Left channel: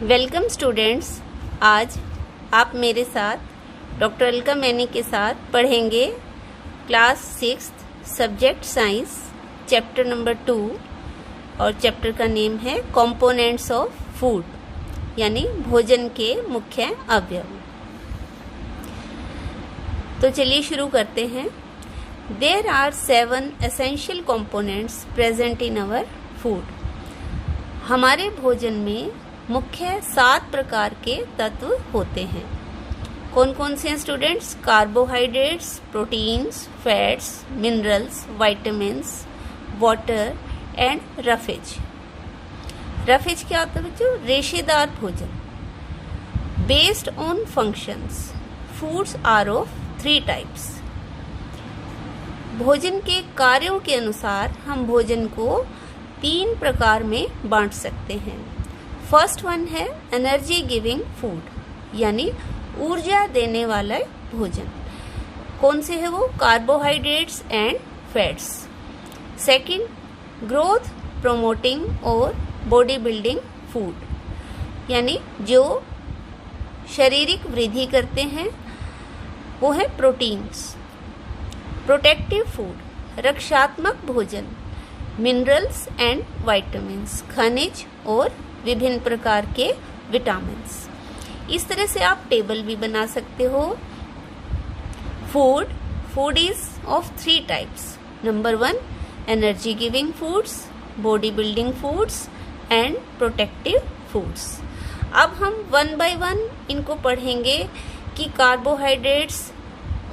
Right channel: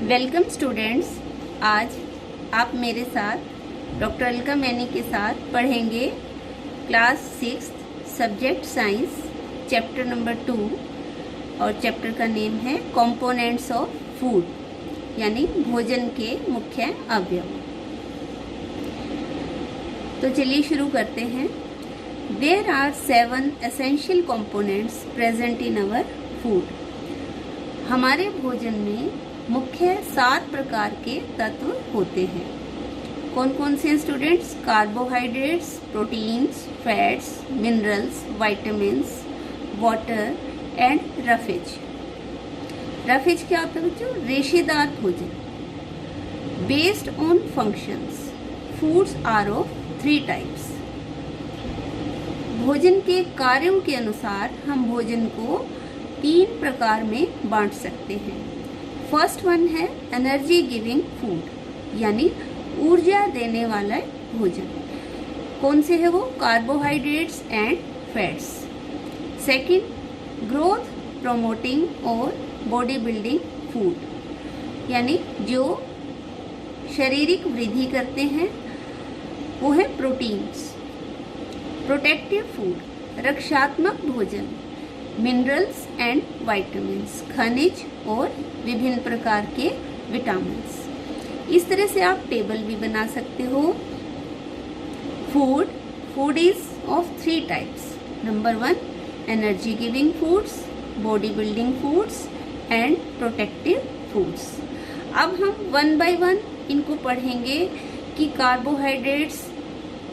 Welcome students. आज आप मेरे साथ डॉक्टर अलका मैनी के साथ पढ़ेंगे class 6 subject science chapter number 2 और चैप्टर का नेम है कंपोनेंट्स ऑफ फूड यानी भोजन के मुख्य अवयव। तो चलिए शुरू करते हैं। There are 7 essential components present in our food. हमारे भोजन में मुख्य 7 प्रकार के तत्व होते हैं। कौन कौन से हैं students? Carbohydrates, proteins, fats, minerals, vitamins, water and roughage. Roughage क्या होता है बच्चों? रेशेदार भोजन। Based on functions foods are of 3 types. भोजन के कार्यों के अनुसार हम भोजन को 3 प्रकार में बांट सकते हैं। फर्स्ट वन है एनर्जी गिविंग फूड यानी ऊर्जा देने वाला भोजन। कौन से है वो? Carbohydrates and fats. Second, growth promoting और बॉडी बिल्डिंग फूड यानी जो शारीरिक वृद्धि करते हैं वो है प्रोटीन्स। प्रोटेक्टिव फूड रक्षात्मक भोजन, मिनरल्स एंड विटामिन्स, खनिज और विभिन्न प्रकार के विटामिन्स। इस तरह से आप टेबल भी बना सकते हो। Food is of 3 types. Number 1 energy giving foods, body building foods and protective foods. अब हम 1 बाय 1 इनको पढ़ेंगे कि कार्बोहाइड्रेट्स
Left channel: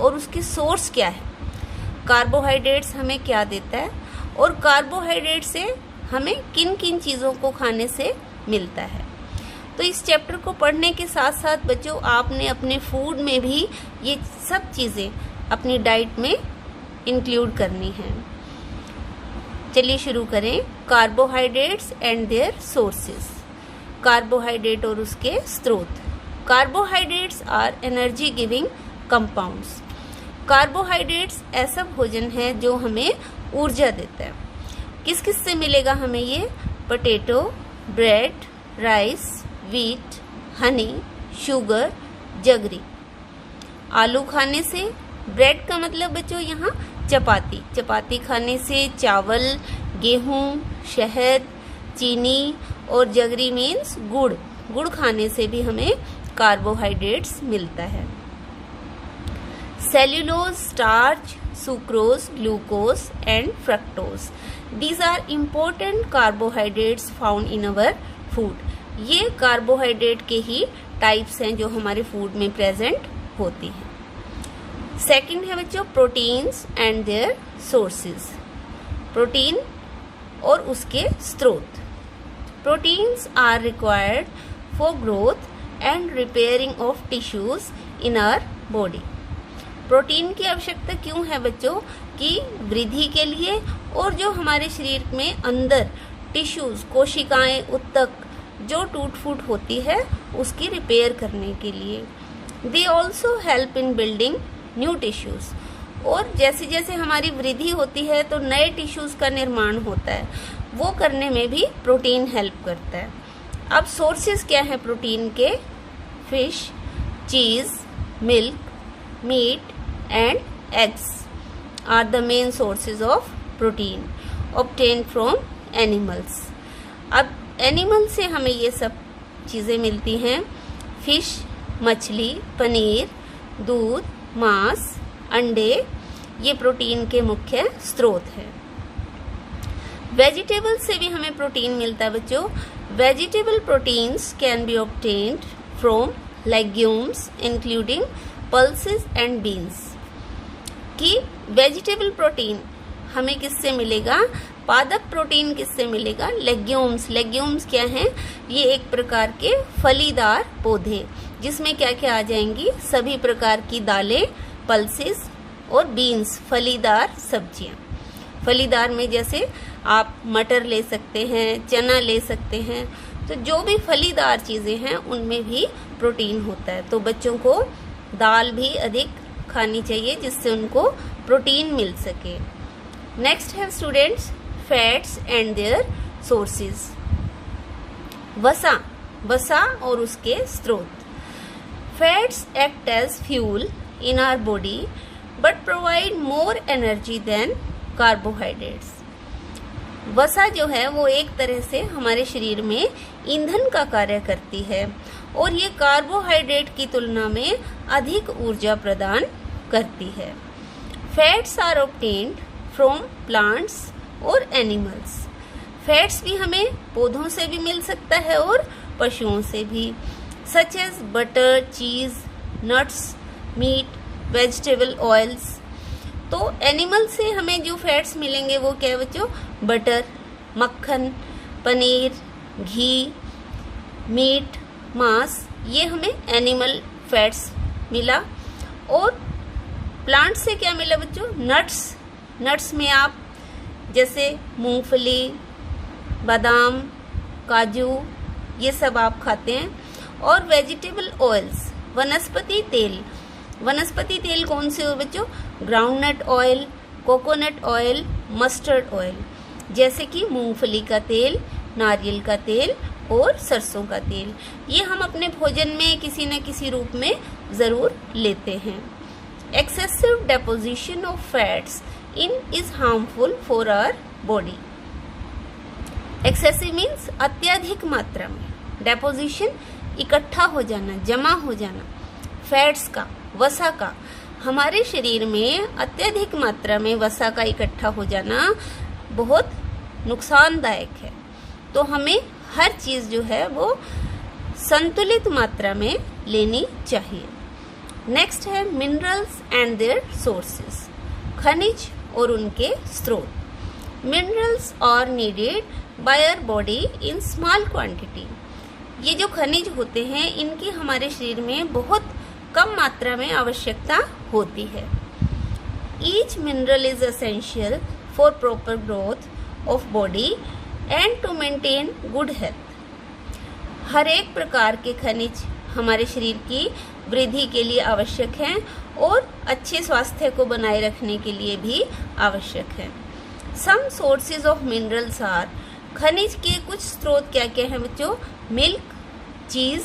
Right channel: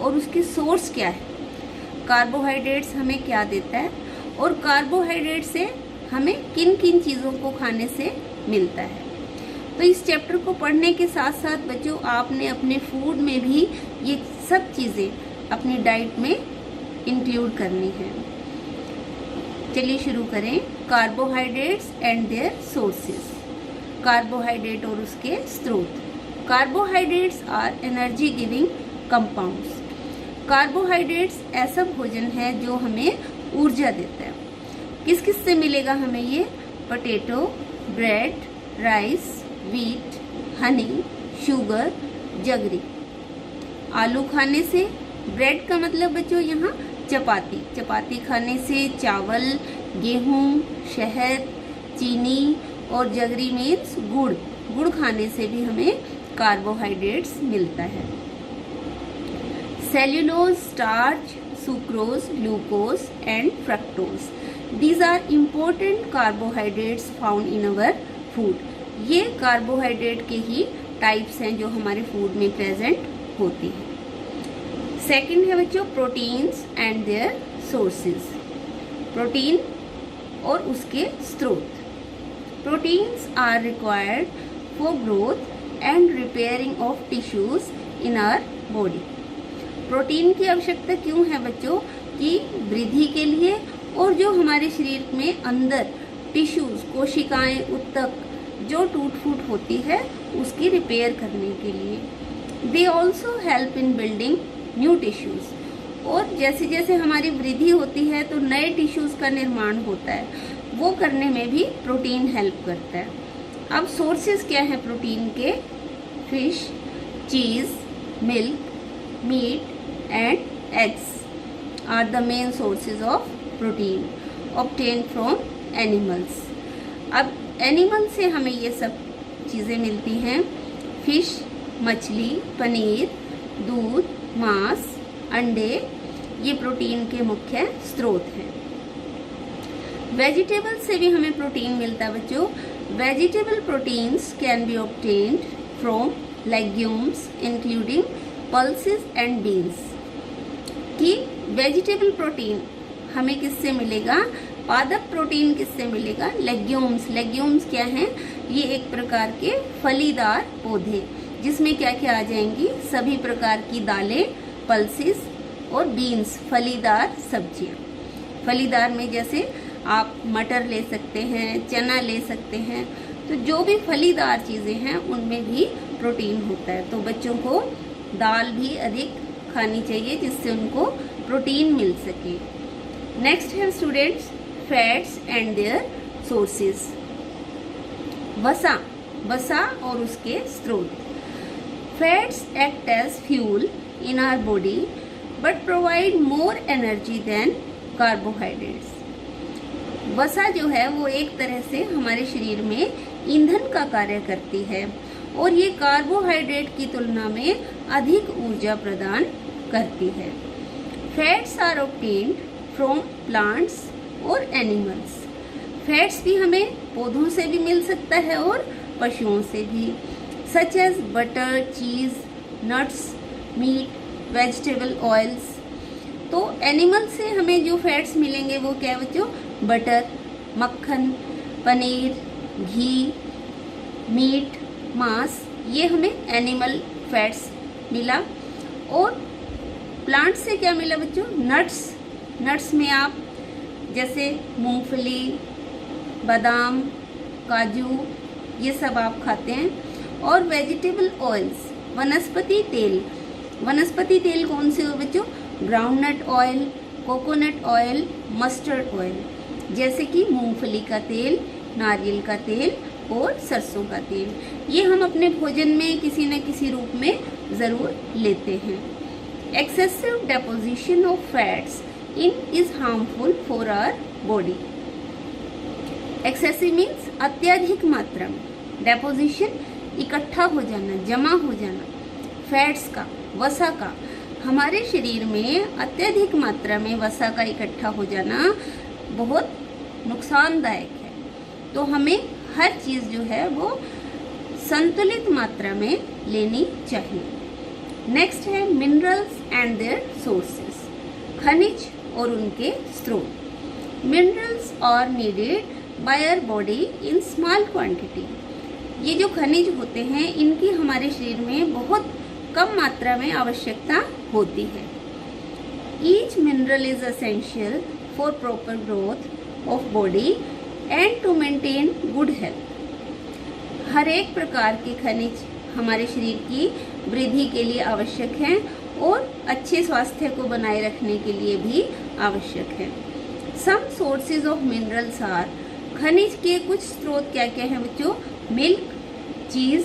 और उसके सोर्स क्या है। कार्बोहाइड्रेट्स हमें क्या देता है और कार्बोहाइड्रेट से हमें किन किन चीज़ों को खाने से मिलता है। तो इस चैप्टर को पढ़ने के साथ साथ बच्चों आपने अपने फूड में भी ये सब चीज़ें अपनी डाइट में इंक्लूड करनी है। चलिए शुरू करें। Carbohydrates and their sources. Carbohydrate और उसके स्रोत। Carbohydrates are energy giving compounds. Carbohydrates ऐसा भोजन है जो हमें ऊर्जा देता है। किस किस से मिलेगा हमें ये? Potato, bread, rice, wheat, honey, sugar, jaggery. आलू खाने से, ब्रेड का मतलब बच्चों यहाँ चपाती। चपाती खाने से चावल, गेहूँ, शहद, चीनी और जगरी मीन्स गुड़। गुड़ खाने से भी हमें कार्बोहाइड्रेट्स मिलता है। Cellulose, starch, sucrose, glucose and fructose, these are important carbohydrates found in our food। ये कार्बोहाइड्रेट के ही टाइप्स हैं जो हमारे फूड में प्रेजेंट होती हैं। सेकंड है बच्चों proteins and their sources. Protein और उसके स्रोत। Proteins are required for growth and repairing of tissues in our body. Protein की आवश्यकता क्यों है बच्चों? कि वृद्धि के लिए और जो हमारे शरीर में अंदर टिश्यूज, कोशिकाएं, ऊतक जो टूट फूट होती है उसकी रिपेयर करने के लिए। They also help in building new tissues. और जैसे जैसे हमारी वृद्धि होती है तो नए टिश्यूज का निर्माण होता है, वो करने में भी प्रोटीन हेल्प करता है। अब सोर्सेज क्या है प्रोटीन के? Fish, cheese, milk, meat and eggs are the main sources of protein obtained from animals। अब एनिमल से हमें ये सब चीज़ें मिलती हैं। फिश मछली, पनीर, दूध, मांस, अंडे ये प्रोटीन के मुख्य स्रोत हैं। वेजिटेबल से भी हमें प्रोटीन मिलता है बच्चों। Vegetable proteins can be obtained from legumes including pulses and beans. कि वेजिटेबल प्रोटीन हमें किससे मिलेगा? पादप प्रोटीन किससे मिलेगा? लेग्यूम्स। लेग्यूम्स क्या हैं? ये एक प्रकार के फलीदार पौधे जिसमें क्या क्या आ जाएंगी? सभी प्रकार की दालें, पल्सेस और बीन्स, फलीदार सब्जियां। फलीदार में जैसे आप मटर ले सकते हैं, चना ले सकते हैं। तो जो भी फलीदार चीज़ें हैं उनमें भी प्रोटीन होता है। तो बच्चों को दाल भी अधिक खानी चाहिए जिससे उनको प्रोटीन मिल सके। नेक्स्ट है students fats and their sources. वसा वसा और उसके स्रोत। Fats act as fuel in our body but provide more energy than carbohydrates. वसा जो है वो एक तरह से हमारे शरीर में ईंधन का कार्य करती है और ये कार्बोहाइड्रेट की तुलना में अधिक ऊर्जा प्रदान करती है। Fats are obtained from plants और एनिमल्स। फैट्स भी हमें पौधों से भी मिल सकता है और पशुओं से भी, सच एज बटर, चीज, नट्स, मीट, वेजिटेबल ऑयल्स। तो एनिमल से हमें जो फैट्स मिलेंगे वो क्या है बच्चों? बटर, मक्खन, पनीर, घी, मीट, मांस, ये हमें एनिमल फैट्स मिला। और प्लांट से क्या मिला बच्चों? नट्स। नट्स में आप जैसे मूंगफली, बादाम, काजू, ये सब आप खाते हैं। और वेजिटेबल ऑयल्स, वनस्पति तेल। वनस्पति तेल कौन से हो बच्चों? Groundnut oil, coconut oil, mustard oil, जैसे कि मूंगफली का तेल, नारियल का तेल और सरसों का तेल। ये हम अपने भोजन में किसी न किसी रूप में ज़रूर लेते हैं। Excessive deposition of fats in is harmful for our body. Excessive means अत्यधिक मात्रा में, डेपोजिशन इकट्ठा हो जाना, जमा हो जाना, फैट्स का, वसा का। हमारे शरीर में अत्यधिक मात्रा में वसा का इकट्ठा हो जाना बहुत नुकसानदायक है। तो हमें हर चीज़ जो है वो संतुलित मात्रा में लेनी चाहिए। नेक्स्ट है मिनरल्स एंड देयर सोर्सेस, खनिज और उनके स्रोत। Minerals are needed by our body in small quantity. ये जो खनिज होते हैं इनकी हमारे शरीर में बहुत कम मात्रा में आवश्यकता होती है। Each mineral is essential for proper growth of body and to maintain good health. हर एक प्रकार के खनिज हमारे शरीर की वृद्धि के लिए आवश्यक हैं और अच्छे स्वास्थ्य को बनाए रखने के लिए भी आवश्यक है। Some sources of minerals are, खनिज के कुछ स्रोत क्या क्या हैं बच्चों? Milk, cheese,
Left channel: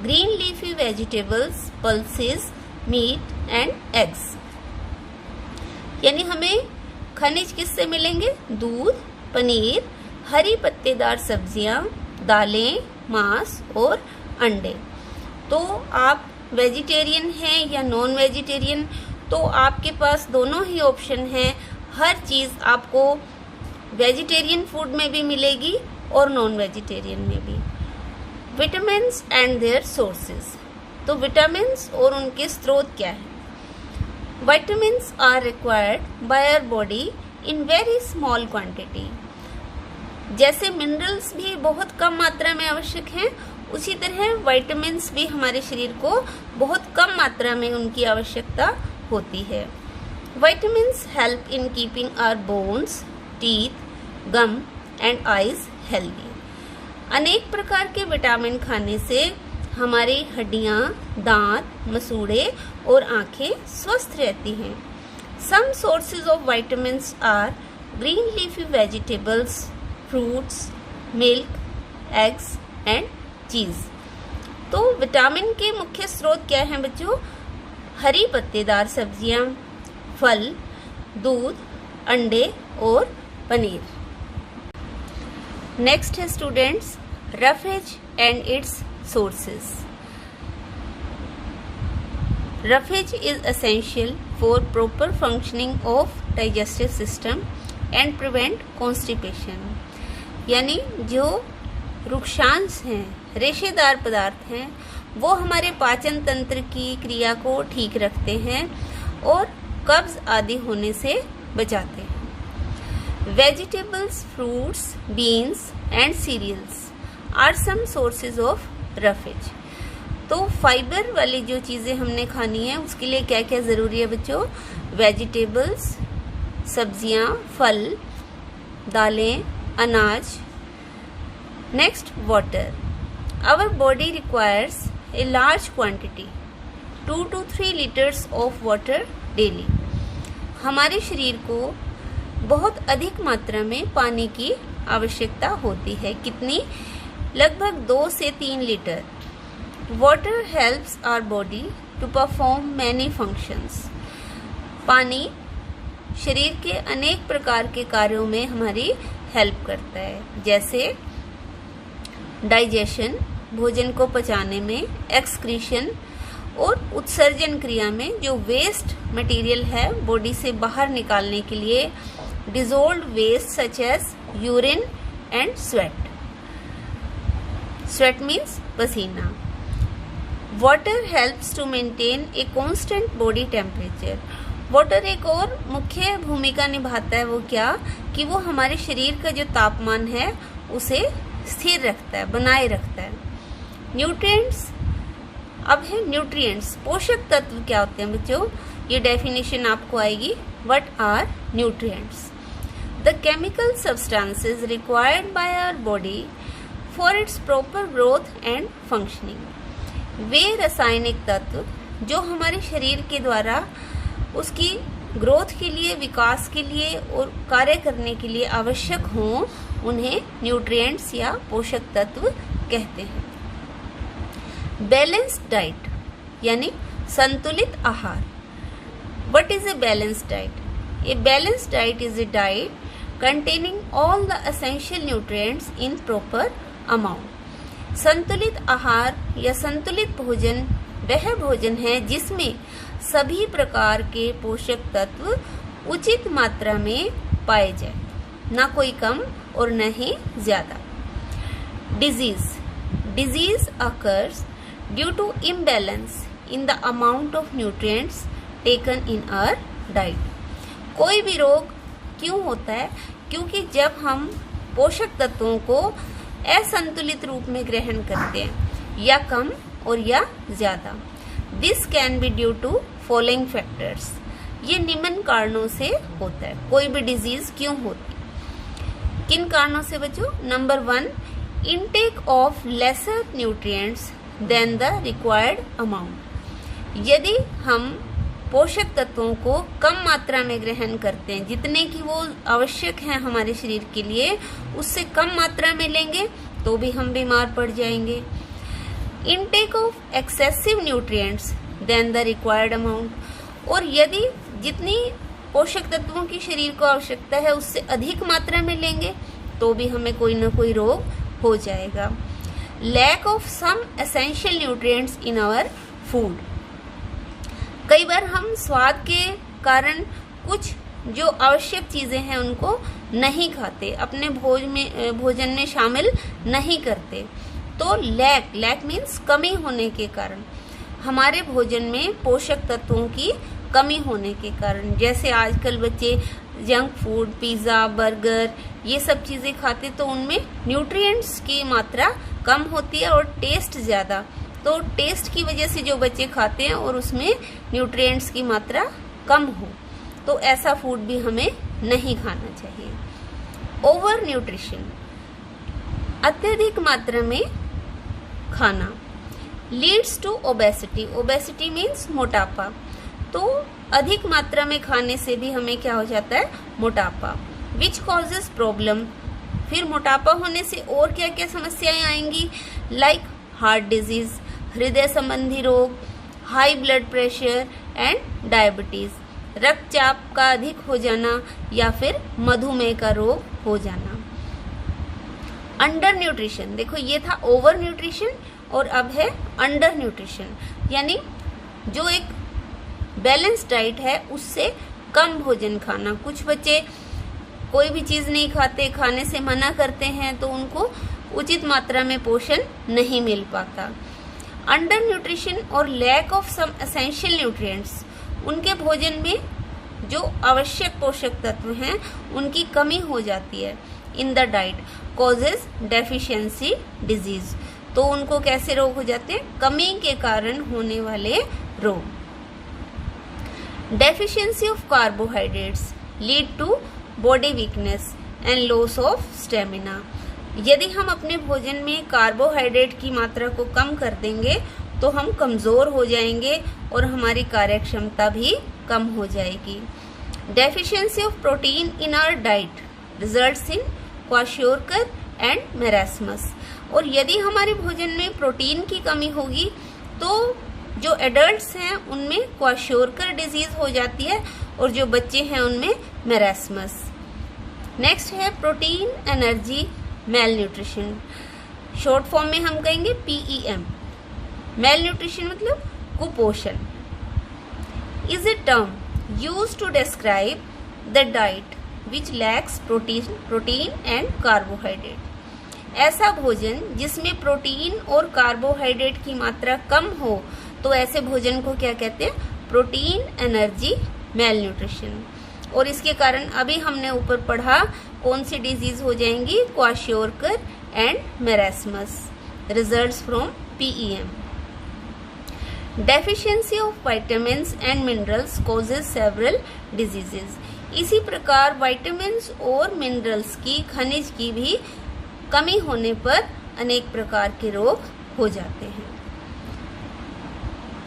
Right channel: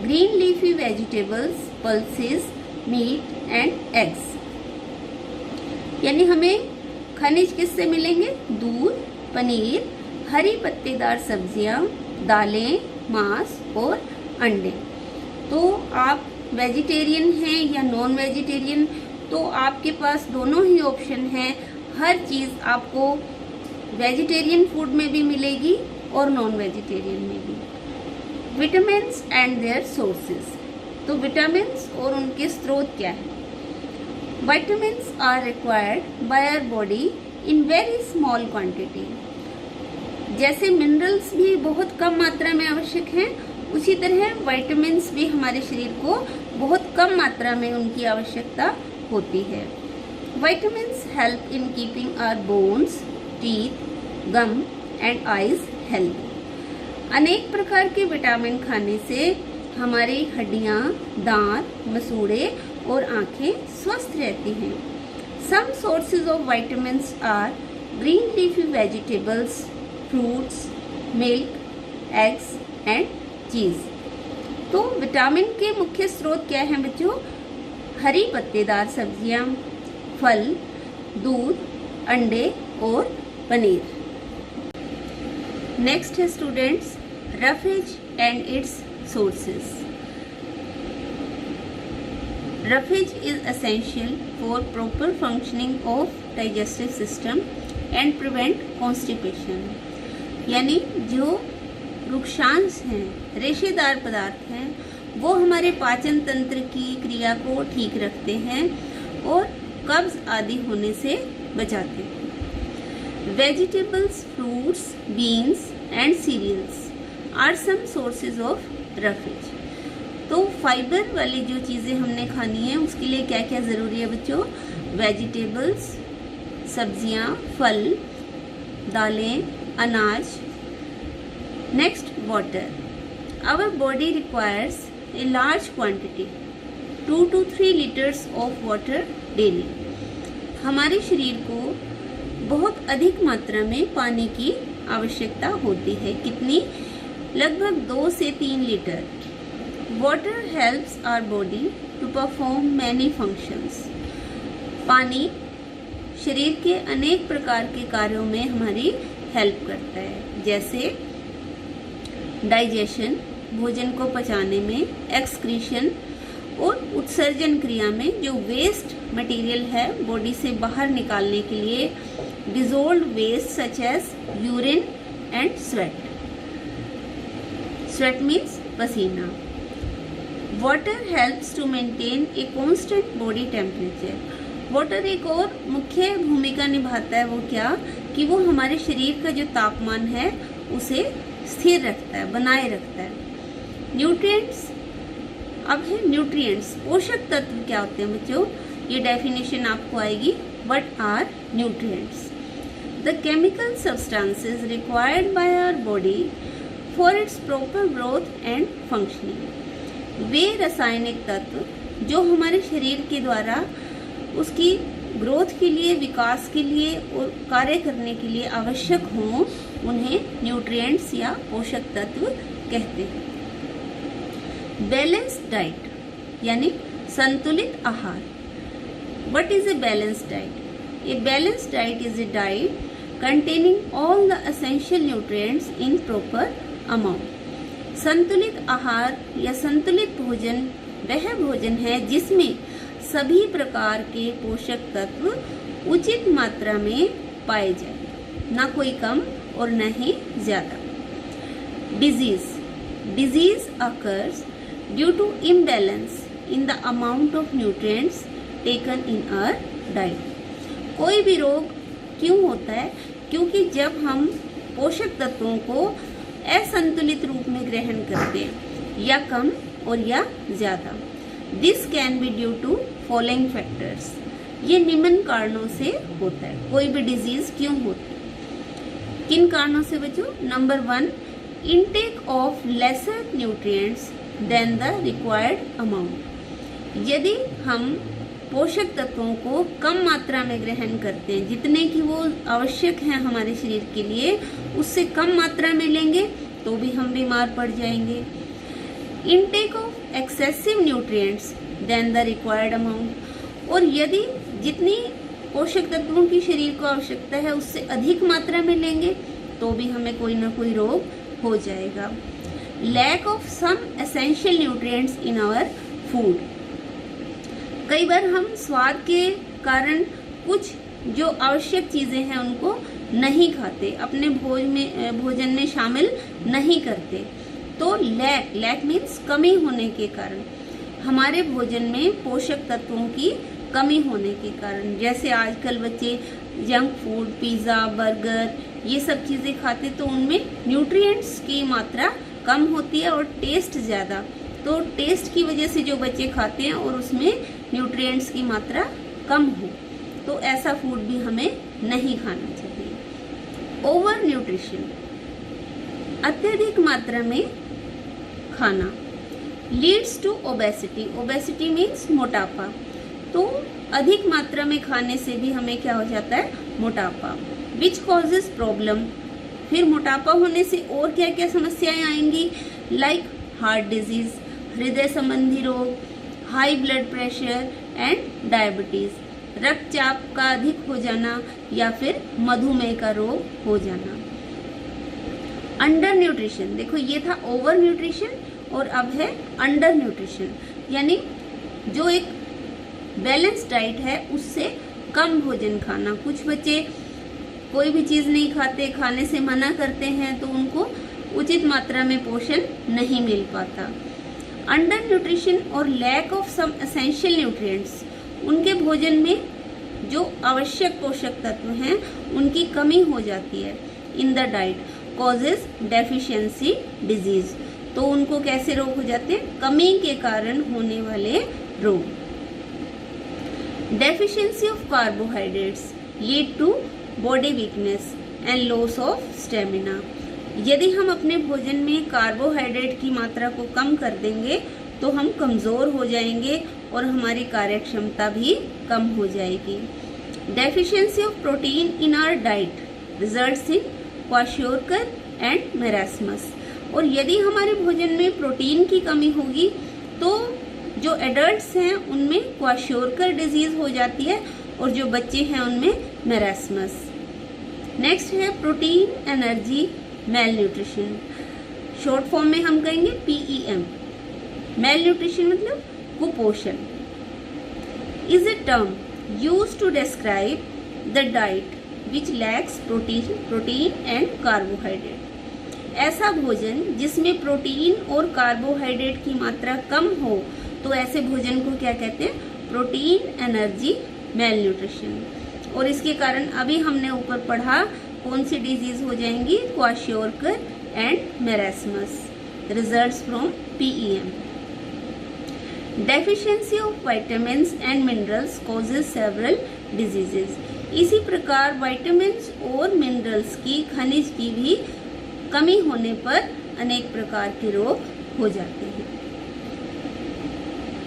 green leafy vegetables, pulses, meat and eggs. यानी हमें खनिज किससे मिलेंगे? दूध, पनीर, हरी पत्तेदार सब्जियां, दालें, मांस और अंडे। तो आप वेजिटेरियन हैं या नॉन वेजिटेरियन, तो आपके पास दोनों ही ऑप्शन है। हर चीज़ आपको वेजिटेरियन फूड में भी मिलेगी और नॉन वेजिटेरियन में भी। विटामिन्स एंड देयर सोर्सेज, तो विटामिन्स और उनके स्रोत क्या है? Vitamins are required by our body in very small quantity. जैसे मिनरल्स भी बहुत कम मात्रा में आवश्यक हैं, उसी तरह विटामिन्स भी हमारे शरीर को बहुत कम मात्रा में उनकी आवश्यकता होती है। Vitamins help in keeping our bones, teeth, gum and eyes healthy. अनेक प्रकार के विटामिन खाने से हमारी हड्डियां, दांत, मसूड़े और आंखें स्वस्थ रहती हैं। Some sources of vitamins are green leafy vegetables, fruits, milk, eggs and cheese. तो विटामिन के मुख्य स्रोत क्या हैं बच्चों? हरी पत्तेदार सब्जियां, फल, दूध, अंडे और पनीर। नेक्स्ट है students roughage and it's sources. Roughage is essential for proper functioning of digestive system and prevent constipation. यानी जो रुक्षांश हैं, रेशेदार पदार्थ हैं, वो हमारे पाचन तंत्र की क्रिया को ठीक रखते हैं और कब्ज आदि होने से बचाते हैं। Vegetables, fruits, beans and cereals are some sources of roughage. तो फाइबर वाली जो चीज़ें हमने खानी है उसके लिए क्या क्या ज़रूरी है बच्चों? वेजिटेबल्स, सब्जियां, फल, दालें, अनाज। Next water. Our body requires a large quantity 2 to 3 litres of water daily. हमारे शरीर को बहुत अधिक मात्रा में पानी की आवश्यकता होती है। कितनी? लगभग 2 से 3 litre. Water helps our body to perform many functions. पानी शरीर के अनेक प्रकार के कार्यों में हमारी हेल्प करता है, जैसे डाइजेशन, भोजन को पचाने में, एक्सक्रीशन और उत्सर्जन क्रिया में जो वेस्ट मटेरियल है बॉडी से बाहर निकालने के लिए, dissolved waste such as urine and sweat. Sweat means पसीना। Water helps to maintain a constant body temperature. Water एक और मुख्य भूमिका निभाता है, वो क्या कि वो हमारे शरीर का जो तापमान है उसे स्थिर रखता है, बनाए रखता है। न्यूट्रिएंट्स, अब है न्यूट्रिएंट्स। पोषक तत्व क्या होते हैं बच्चों? ये डेफिनेशन आपको आएगी। What are nutrients? The chemical substances required by our body for its proper growth and functioning. वे रासायनिक तत्व जो हमारे शरीर के द्वारा उसकी ग्रोथ के लिए, विकास के लिए और कार्य करने के लिए आवश्यक हों, उन्हें न्यूट्रिएंट्स या पोषक तत्व कहते हैं। बैलेंस्ड डाइट यानी संतुलित आहार। What is a balanced diet? A balanced diet is a diet containing all the essential nutrients in proper amount। संतुलित आहार या संतुलित भोजन वह भोजन है जिसमें सभी प्रकार के पोषक तत्व उचित मात्रा में पाए जाए, ना कोई कम और न ही ज्यादा। Disease occurs due to imbalance in the amount of nutrients taken in our diet। कोई भी रोग क्यों होता है? क्योंकि जब हम पोषक तत्वों को असंतुलित रूप में ग्रहण करते हैं, या कम और या ज्यादा। This can be due to following factors. ये निम्न कारणों से होता है। कोई भी डिजीज क्यों होती है? किन कारणों से बच्चों? Number 1, intake of lesser nutrients than the required amount. यदि हम पोषक तत्वों को कम मात्रा में ग्रहण करते हैं, जितने की वो आवश्यक हैं हमारे शरीर के लिए, उससे कम मात्रा में लेंगे तो भी हम बीमार पड़ जाएंगे। Intake of excessive nutrients than the required amount. और यदि जितनी पोषक तत्वों की शरीर को आवश्यकता है उससे अधिक मात्रा में लेंगे तो भी हमें कोई ना कोई रोग हो जाएगा। Lack of some essential nutrients in our food. कई बार हम स्वाद के कारण कुछ जो आवश्यक चीजें हैं उनको नहीं खाते, अपने भोजन में शामिल नहीं करते। तो लैक मीन्स कमी होने के कारण, हमारे भोजन में पोषक तत्वों की कमी होने के कारण, जैसे आजकल बच्चे जंक फूड, पिज़्ज़ा, बर्गर ये सब चीज़ें खाते तो उनमें न्यूट्रिएंट्स की मात्रा कम होती है और टेस्ट ज़्यादा। तो टेस्ट की वजह से जो बच्चे खाते हैं और उसमें न्यूट्रिएंट्स की मात्रा कम हो, तो ऐसा फूड भी हमें नहीं खाना चाहिए। ओवर न्यूट्रिशन, अत्यधिक मात्रा में खाना, leads to obesity. Obesity means मोटापा। तो अधिक मात्रा में खाने से भी हमें क्या हो जाता है? मोटापा। Which causes problem. फिर मोटापा होने से और क्या क्या समस्याएं आएंगी? लाइक हार्ट डिजीज, हृदय संबंधी रोग, high blood pressure and diabetes, रक्तचाप का अधिक हो जाना या फिर मधुमेह का रोग हो जाना। अंडर न्यूट्रिशन, देखो ये था ओवर न्यूट्रिशन और अब है अंडर न्यूट्रिशन, यानी जो एक बैलेंस डाइट है उससे कम भोजन खाना। कुछ बच्चे कोई भी चीज नहीं खाते, खाने से मना करते हैं, तो उनको उचित मात्रा में पोषण नहीं मिल पाता। अंडर न्यूट्रिशन और lack of some essential nutrients, उनके भोजन में जो आवश्यक पोषक तत्व हैं उनकी कमी हो जाती है in the diet, causes deficiency disease. तो उनको कैसे रोग हो जाते हैं? कमी के कारण होने वाले रोग। Deficiency of carbohydrates lead to body weakness and loss of stamina. यदि हम अपने भोजन में कार्बोहाइड्रेट की मात्रा को कम कर देंगे तो हम कमज़ोर हो जाएंगे और हमारी कार्य क्षमता भी कम हो जाएगी। Deficiency of protein in our diet results in kwashiorkor and marasmus. और यदि हमारे भोजन में प्रोटीन की कमी होगी तो जो एडल्ट्स हैं उनमें क्वाशोरकर डिजीज हो जाती है और जो बच्चे हैं उनमें मेरास्मस। नेक्स्ट है protein energy malnutrition, short form में हम कहेंगे PEM। मेल न्यूट्रिशन मतलब कुपोषण is a term used to describe the diet which lacks protein and carbohydrate. ऐसा भोजन जिसमें प्रोटीन और कार्बोहाइड्रेट की मात्रा कम हो तो ऐसे भोजन को क्या कहते हैं? Protein energy mail nutrition. और इसके कारण अभी हमने ऊपर पढ़ा कौन सी डिजीज हो जाएंगी? Kwashiorkor and marasmus, results from PEM। Deficiency of vitamins and minerals causes several diseases. इसी प्रकार विटामिन्स और मिनरल्स की, खनिज की भी कमी होने पर अनेक प्रकार के रोग हो जाते हैं।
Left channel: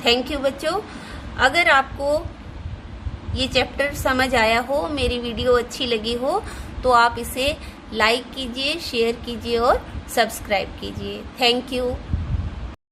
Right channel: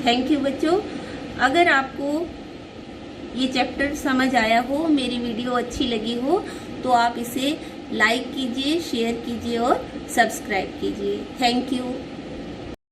थैंक यू बच्चों। अगर आपको ये चैप्टर समझ आया हो, मेरी वीडियो अच्छी लगी हो तो आप इसे लाइक कीजिए, शेयर कीजिए और सब्सक्राइब कीजिए। Thank you.